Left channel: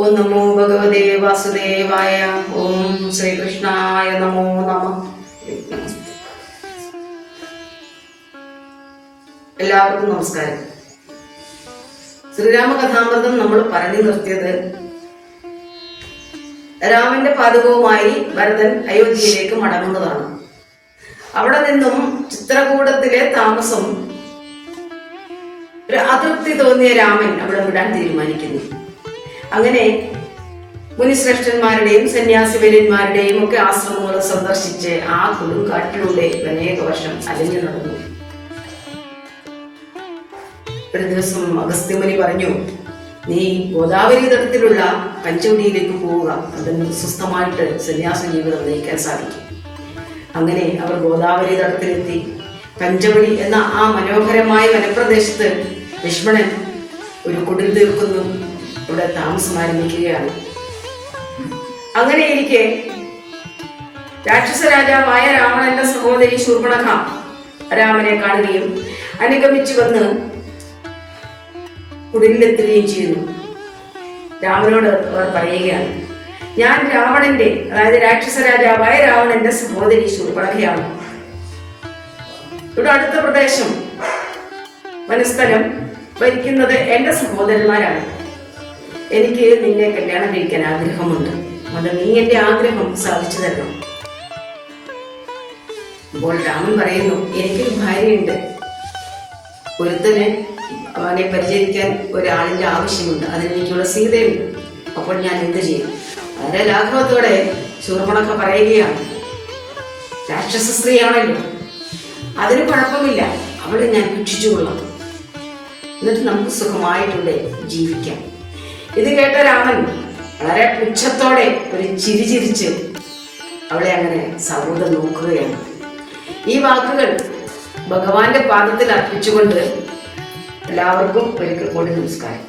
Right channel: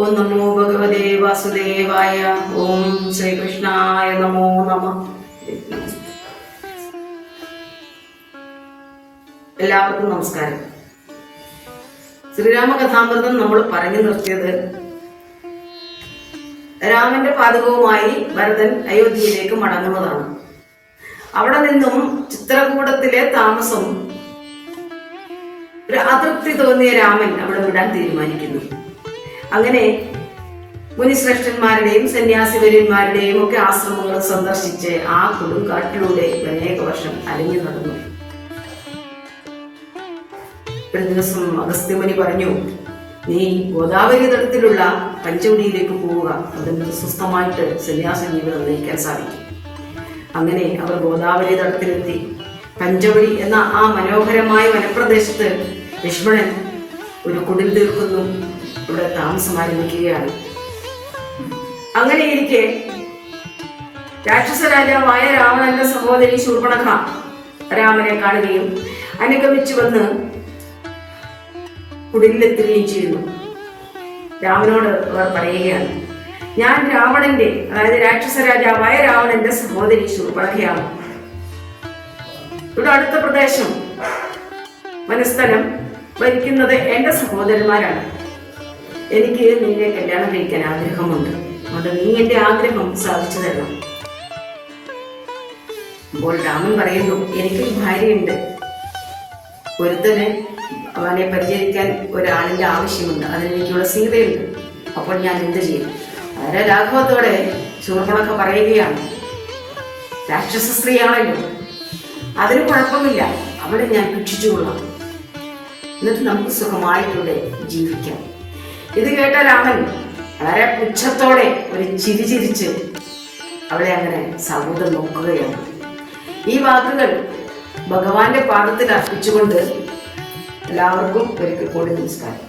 ഓം നമോ ഭഗവതേ വാസുദേവായ. ഓം ശ്രീകൃഷ്ണായ നമോ നമ. എല്ലാവർക്കും നമസ്കാരം. ശ്രീരാമകഥാമൃതം നമ്മൾ പറഞ്ഞു നിർത്തിയത് രാമന്റെ പാദകവുമായി ഭരതൻ അയോധ്യയിലേക്ക് മടങ്ങുന്നതാണ്. അവിടെ നിന്നും ചിത്രകൂടത്തിലെ താമസം ഒരു അതൃപ്തി തോന്നിയ രാമൻ അവിടെ വിടാൻ തീരുമാനിക്കുന്നു. അങ്ങനെ മുനിശ്രേഷ്ഠന്മാരുടെയും സന്യാസിവര്യന്മാരുടെയും ഒക്കെ ആശ്രമങ്ങൾ സന്ദർശിച്ച് ആ കൊടുങ്കാട്ടിലൂടെ അനേക വർഷം അലിഞ്ഞു നടന്നു. ഒരു ദിവസം അഗസ്ത്യമുനി പറഞ്ഞു, നീ ഗോദാവരി തടത്തിലുള്ള പഞ്ചവടിയിലേക്ക് പോവുക, അതിന് സ്വസ്ഥമായിട്ട് സന്യാസ ജീവിതം നയിക്കാൻ സാധിക്കും. അങ്ങനെ അവർ ഗോദാവരി തടത്തിലെത്തി. പഞ്ചവടി എന്ന ആ മനോഹരമായ വനപ്രദേശത്ത് ലക്ഷ്മണൻ ഒരു കുടിൽ തീർക്കുന്നു, ഇവിടെ താമസം ആരംഭിക്കുകയാണ്. അങ്ങനെയിരിക്കെ രാക്ഷസ രാജാവായ രാവണന്റെ സഹോദരി ശൂർപ്പണഖ രാമനെ കാണുകയും അനുഗമിച്ചു വന്ന് കുടിലെത്തുകയും ചെയ്യുന്നു. രാമനോട് അവർ പറയുകയാണ്, ഞാൻ രാവണന്റെ, അതായത് രാക്ഷസ രാജാവായ രാവണന്റെ സഹോദരി ശൂർപ്പണഖയാണ്. ഇവിടെ അടുത്ത പ്രദേശം വനസ്ഥലം ഭരിക്കുന്നത് എന്റെ സഹോദരന്മാരാണ്. എനിക്ക് നിന്നെ കല്യാണം കഴിക്കാൻ ആഗ്രഹമുണ്ട്. അത് നീ എന്റെ ആഗ്രഹം സാധിച്ചു തരണം. അപ്പോൾ രാമൻ പറയുന്നു, എനിക്ക് ഭാര്യയുണ്ട്, ഒരുത്തന് അവനെ പരിചരിക്കാൻ ഒരാളിന്റെ ആവശ്യമുണ്ട്, അതിനെനിക്കുള്ള സീതയുണ്ട്. അപ്പോൾ ഞാൻ എന്ത് ചെയ്യും? വളരെ ലാഘവത്തോടെ ശൂർപ്പണഖ പറയുകയാണ്, രാക്ഷസ സ്ത്രീയാണല്ലോ, അതിന് കുഴപ്പമില്ല, അവളെ ഞാൻ ഭക്ഷിച്ചുകൊള്ളാം, എന്നിട്ട് നമുക്ക് സുഖമായിട്ടുണ്ട് ജീവിക്കാം. ഇത് കേട്ട രാമൻ വളരെ പുച്ഛത്തോടെ ഒരു ചിരി ചിരിച്ച് അവളെ അങ്ങനെ സൗഹൃദം നോക്കുകയാണ്. ഈ വാക്കുകൾ ഭഗവാന്റെ പാദത്തിൽ അർപ്പിച്ചുകൊണ്ട് എല്ലാവർക്കും ഒരിക്കൽ കൂടി നമസ്കാരം.